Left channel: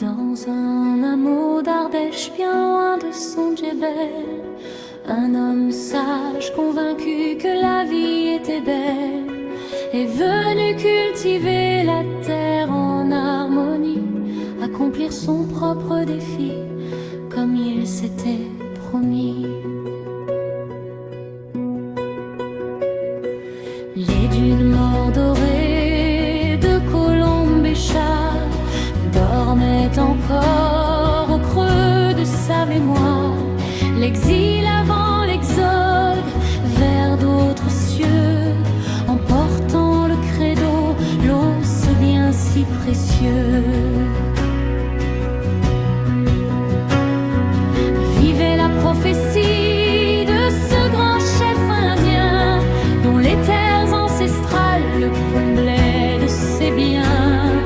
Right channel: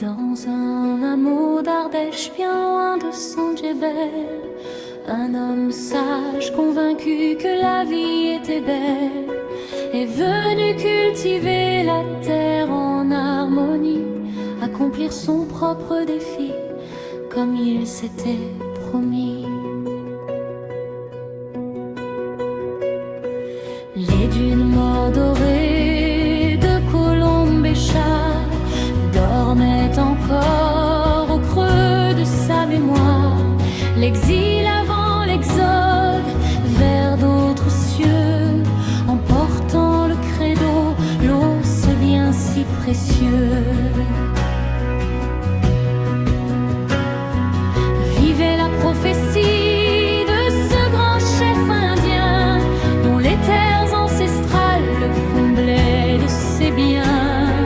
Dans un hameau d'Ardèche, bien loin de son djebel, un homme sage, convaincu que la vie était belle, est venu cultiver la terre en harmonie, accomplir son propre défi, comme il s'était promis. Les dunes mordorées de colombes et chats dormaient encore au creux de sa mémoire. L'exil avant l'exode vers d'autres cieux, emportant le credo, l'eau, ce bien si précieux. Vivait la prophétie de ce grand chef indien, dont les terres ancestrales le comblaient de ses biens,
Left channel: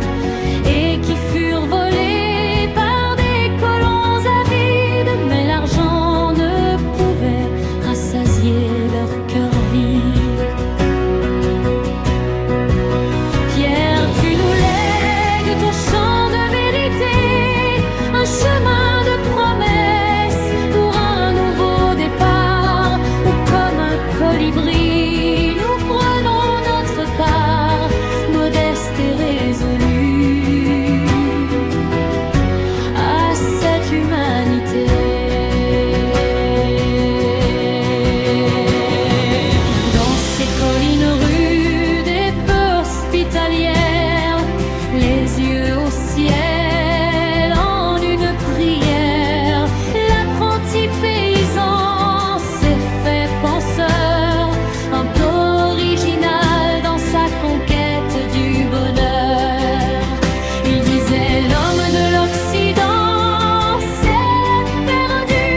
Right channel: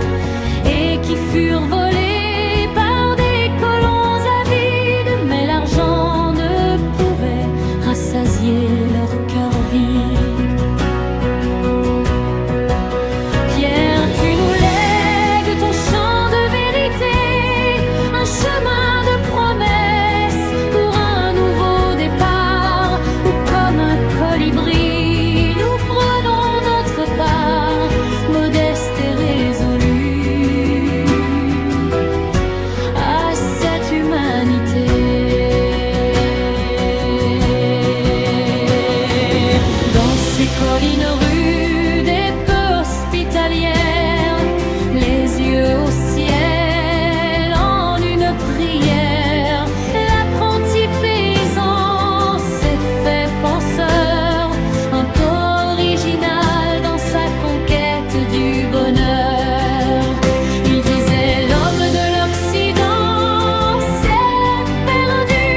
et qui furent volés par des colons avides, mais l'argent ne pouvait rassasier leur cœur vide. Pierre, tu nous lègues ton chant de vérité, un chemin de promesse pour un nouveau départ, où comme un colibri nous prenons notre part, modeste et résolue, à cette humanité. Dans ces collines rudes et peu hospitalières, les yeux au ciel en une prière, l'apprenti paysan s'est fait penseur, un peu original dans sa conquête du bonheur. Il disait: l'homme de l'Occident s'est perdu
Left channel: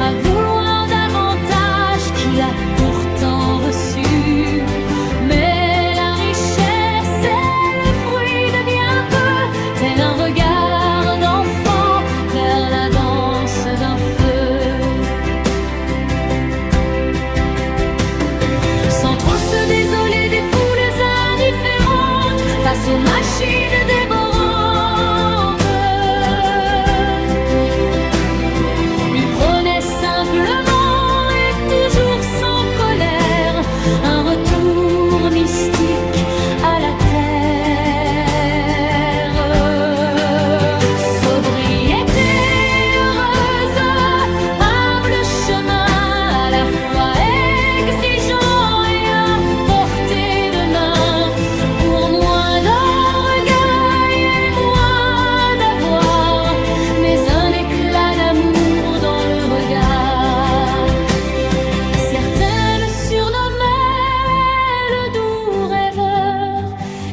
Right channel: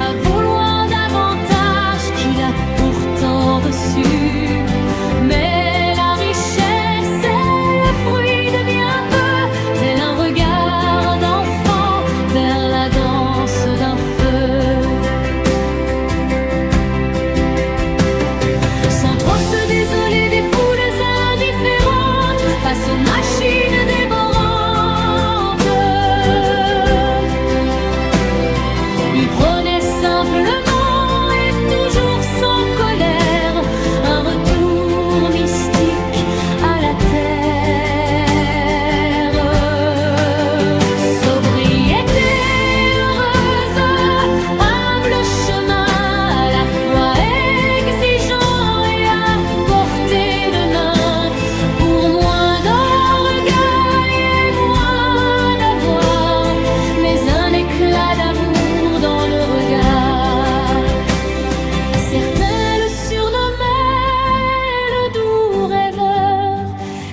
à vouloir davantage qu'il a pourtant reçu, mais la richesse est le fruit de bien peu, tel un regard d'enfant vers la danse d'un feu. Sans trop se désoler des foules indifférentes face aux machines dévorantes, il prenait simplement et toujours sans colère un retour mystique à la terre. Sobriété heureuse, humble chemin à la fois exigeant et à portée de main, pour moins d'orgueil et moins d'avoir, mais un éclat d'amour dans le regard. Certains le surnommaient le doux rêveur,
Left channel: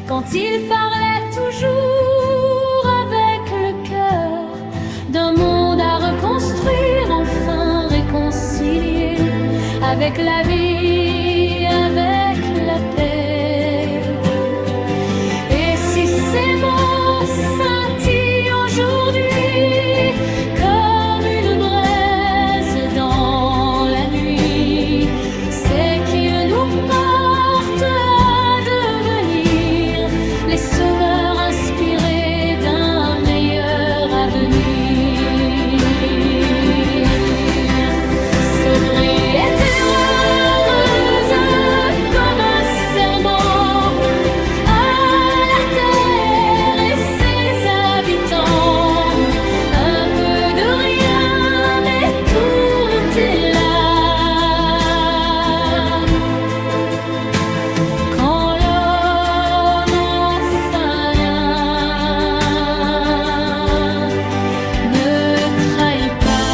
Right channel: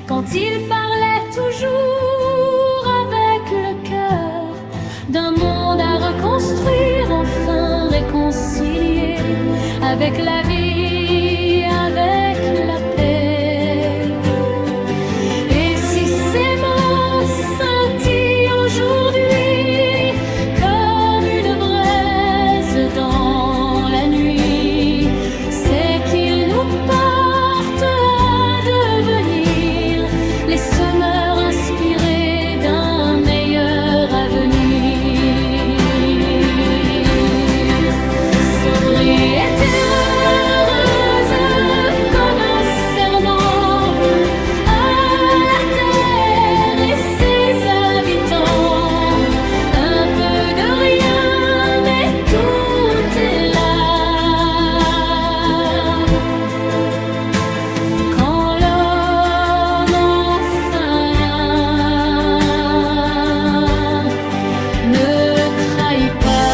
quand il parlait toujours avec le cœur d'un monde à reconstruire, enfin réconcilié avec la vie, avec la paix. Et si ces mots scintillent aujourd'hui comme une braise dans la nuit, c'est qu'ils nous portent à devenir les semeurs inspirés d'un meilleur avenir. Sobriété heureuse comme un serment à la terre et ses habitants, un peu de rien, mais tout est là. Quand l'homme enfin ne trahit pas.